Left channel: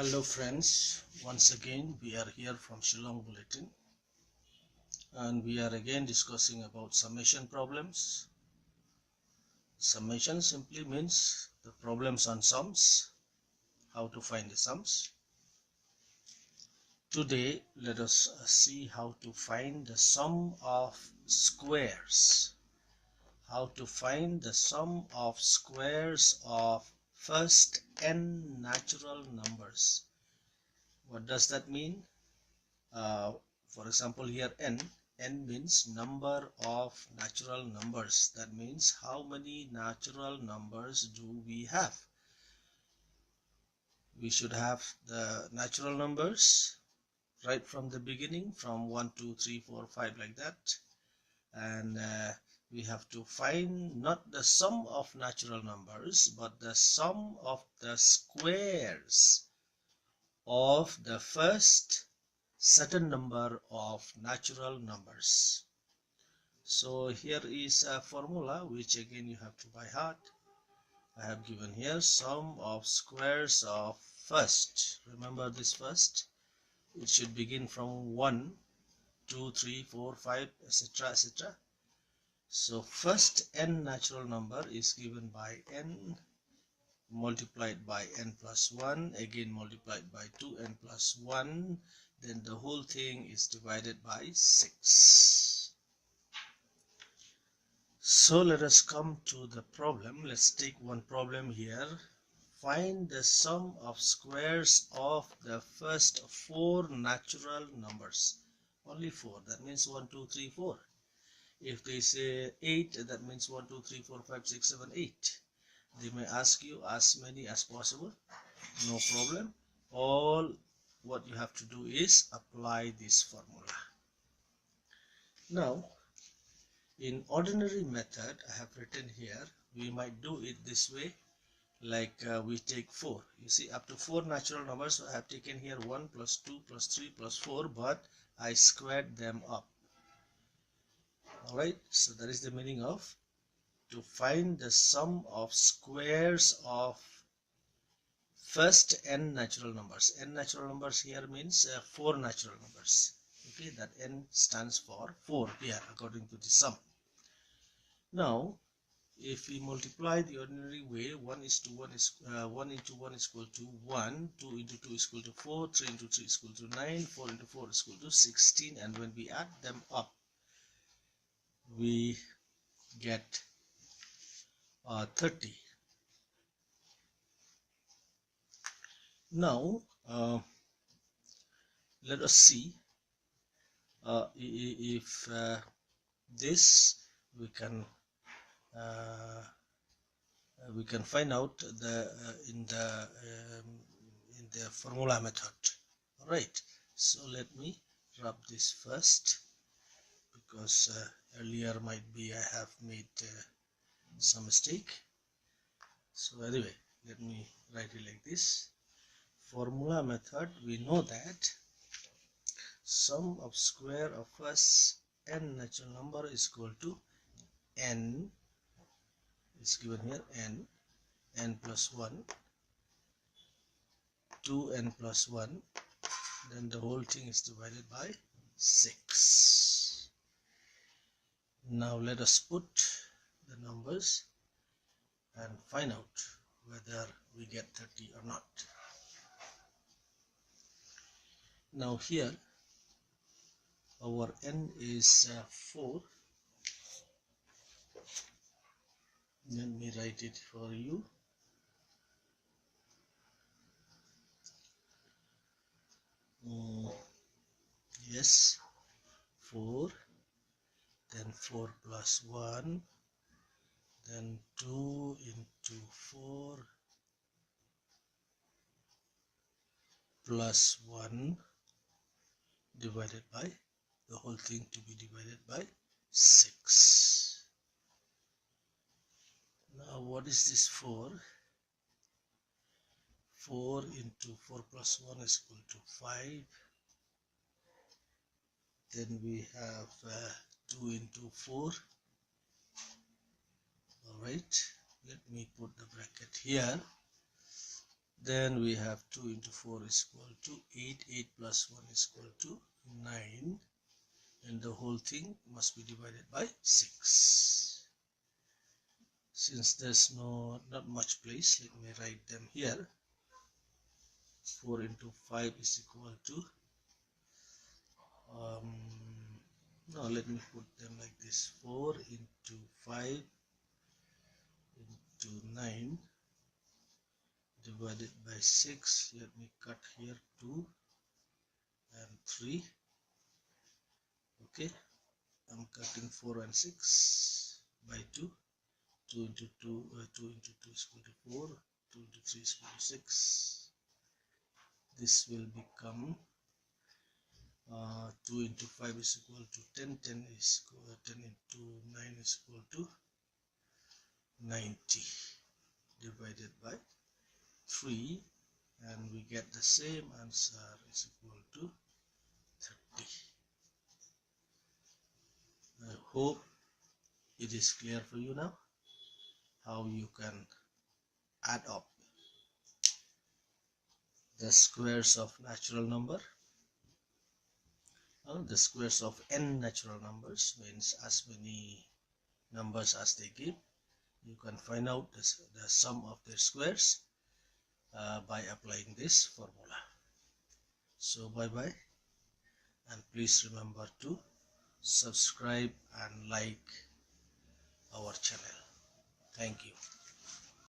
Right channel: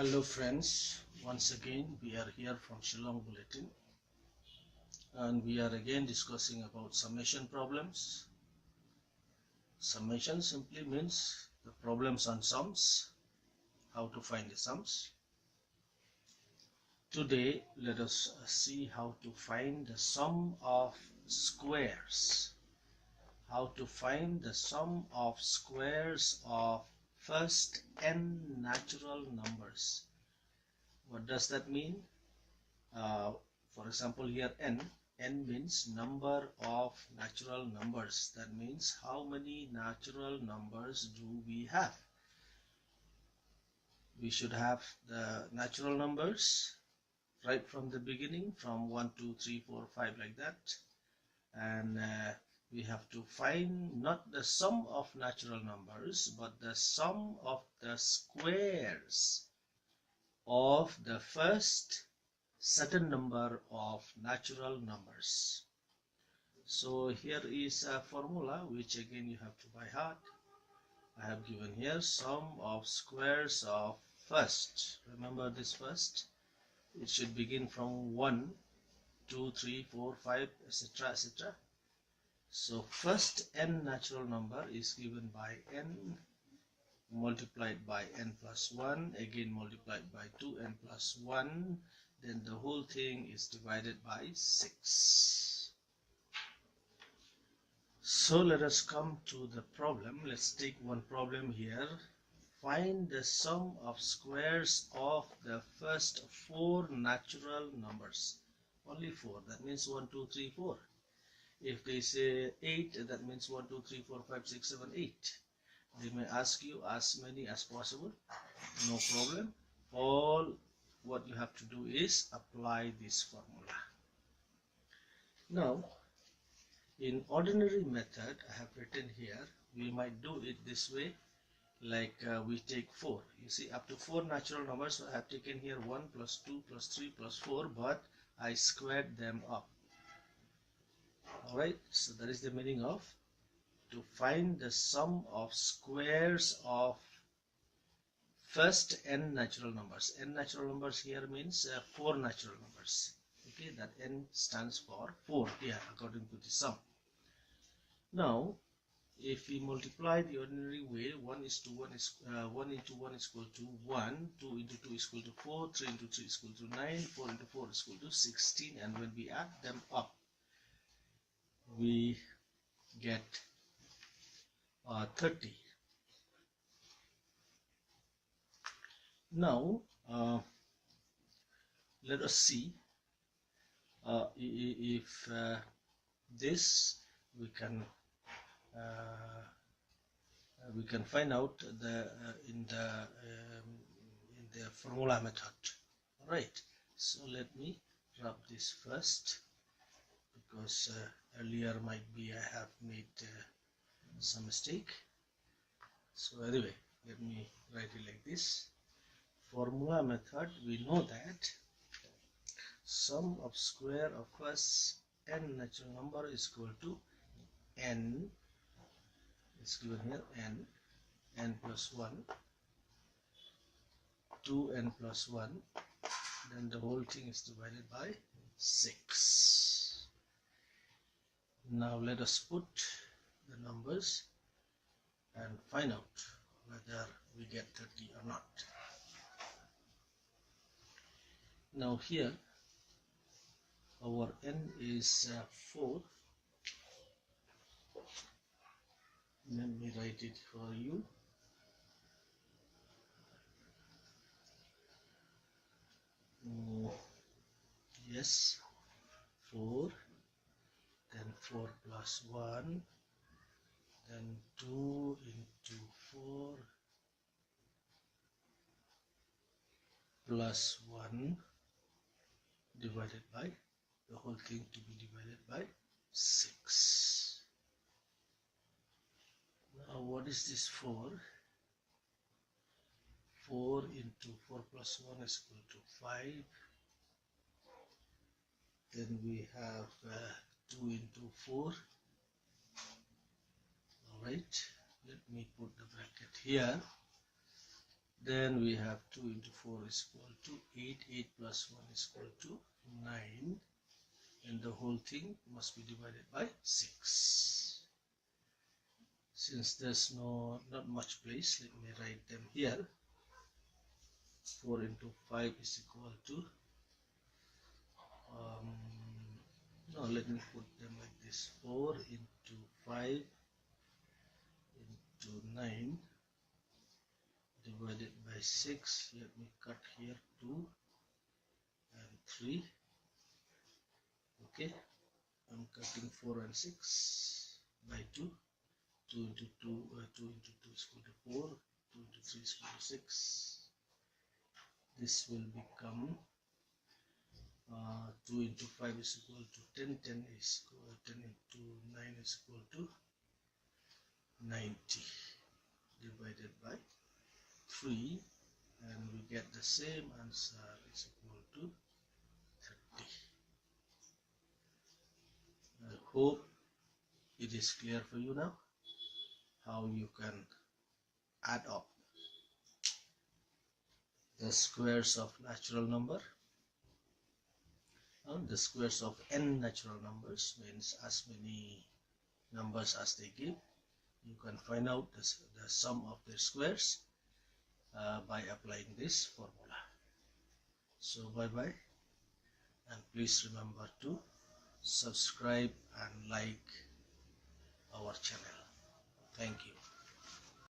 Hello friends, once again we are here from Shillong Bulletin and we are again discussing about summation problems. Summation simply means the problems on sums, how to find the sums. Today let us see how to find the sum of squares. How to find the sum of squares of first n natural numbers. What does that mean? For example, here n means number of natural numbers. That means how many natural numbers do we have? We should have the natural numbers right from the beginning, from 1, 2, 3, 4, 5 like that. And we have to find not the sum of natural numbers, but the sum of the squares of the first certain number of natural numbers. So here is a formula which again you have to by heart. I have given here sum of squares of first. Remember this first. It should begin from 1, 2, 3, 4, 5, etc. etc. So first n natural number is given by n multiplied by n plus 1, again multiplied by 2n plus 1, then the whole thing is divided by 6. So let us come to the problem. Let's take one problem here. Find the sum of squares of the first 4 natural numbers. Only 4, that means 1, 2, 3, 4. If they say 8, that means 1, 2, 3, 4, 5, 6, 7, 8. They may ask you as many as possible. No problem. All what you have to do is apply this formula. Now, in ordinary method, I have written here, we might do it this way, like we take 4. You see, up to 4 natural numbers, I have taken here 1 plus 2 plus 3 plus 4, but I squared them up. Alright, so that is the meaning of to find the sum of squares of first n natural numbers. N natural numbers here means 4 natural numbers. Okay, that n stands for 4 here according to the sum. Now, if we multiply the ordinary way, 1 is to 1 is 1 into 1 is equal to 1, 2 into 2 is equal to 4, 3 into 3 is equal to 9, 4 into 4 is equal to 16, and when we add them up, we get 30. Now, let us see if this we can find out the in the formula method. All right, so let me rub this first, because earlier might be I have made some mistake. So anyway, let me write it like this. Formula method, we know that sum of square of first n natural number is equal to n, is given here n plus 1, 2n plus 1, then the whole thing is divided by 6. Now let us put the numbers and find out whether we get 30 or not. Now here our n is 4. Let me write it for you. Yes, 4, then 4 plus 1, then 2 into 4 plus 1 divided by the whole thing to be divided by 6. Now what is this 4? 4 into 4 plus 1 is equal to 5. Then we have 2 into 4. Alright, let me put the bracket here. Then we have 2 into 4 is equal to 8. 8 plus 1 is equal to 9. And the whole thing must be divided by 6. Since there's not much place, let me write them here. 4 into 5 is equal to no, let me put them like this. 4 into 5 into 9 divided by 6. Let me cut here 2 and 3. Okay, I'm cutting 4 and 6 by 2. 2 into 2, 2 into 2 is equal to 4. 2 into 3 is equal to 6. This will become 2 into 5 is equal to 10. 10 is equal, 10 into 9 is equal to 90 divided by 3, and we get the same answer is equal to 30. I hope it is clear for you now how you can add up the squares of natural number. The squares of n natural numbers means as many numbers as they give. You can find out the sum of their squares by applying this formula. So bye bye, and please remember to subscribe and like our channel. Thank you.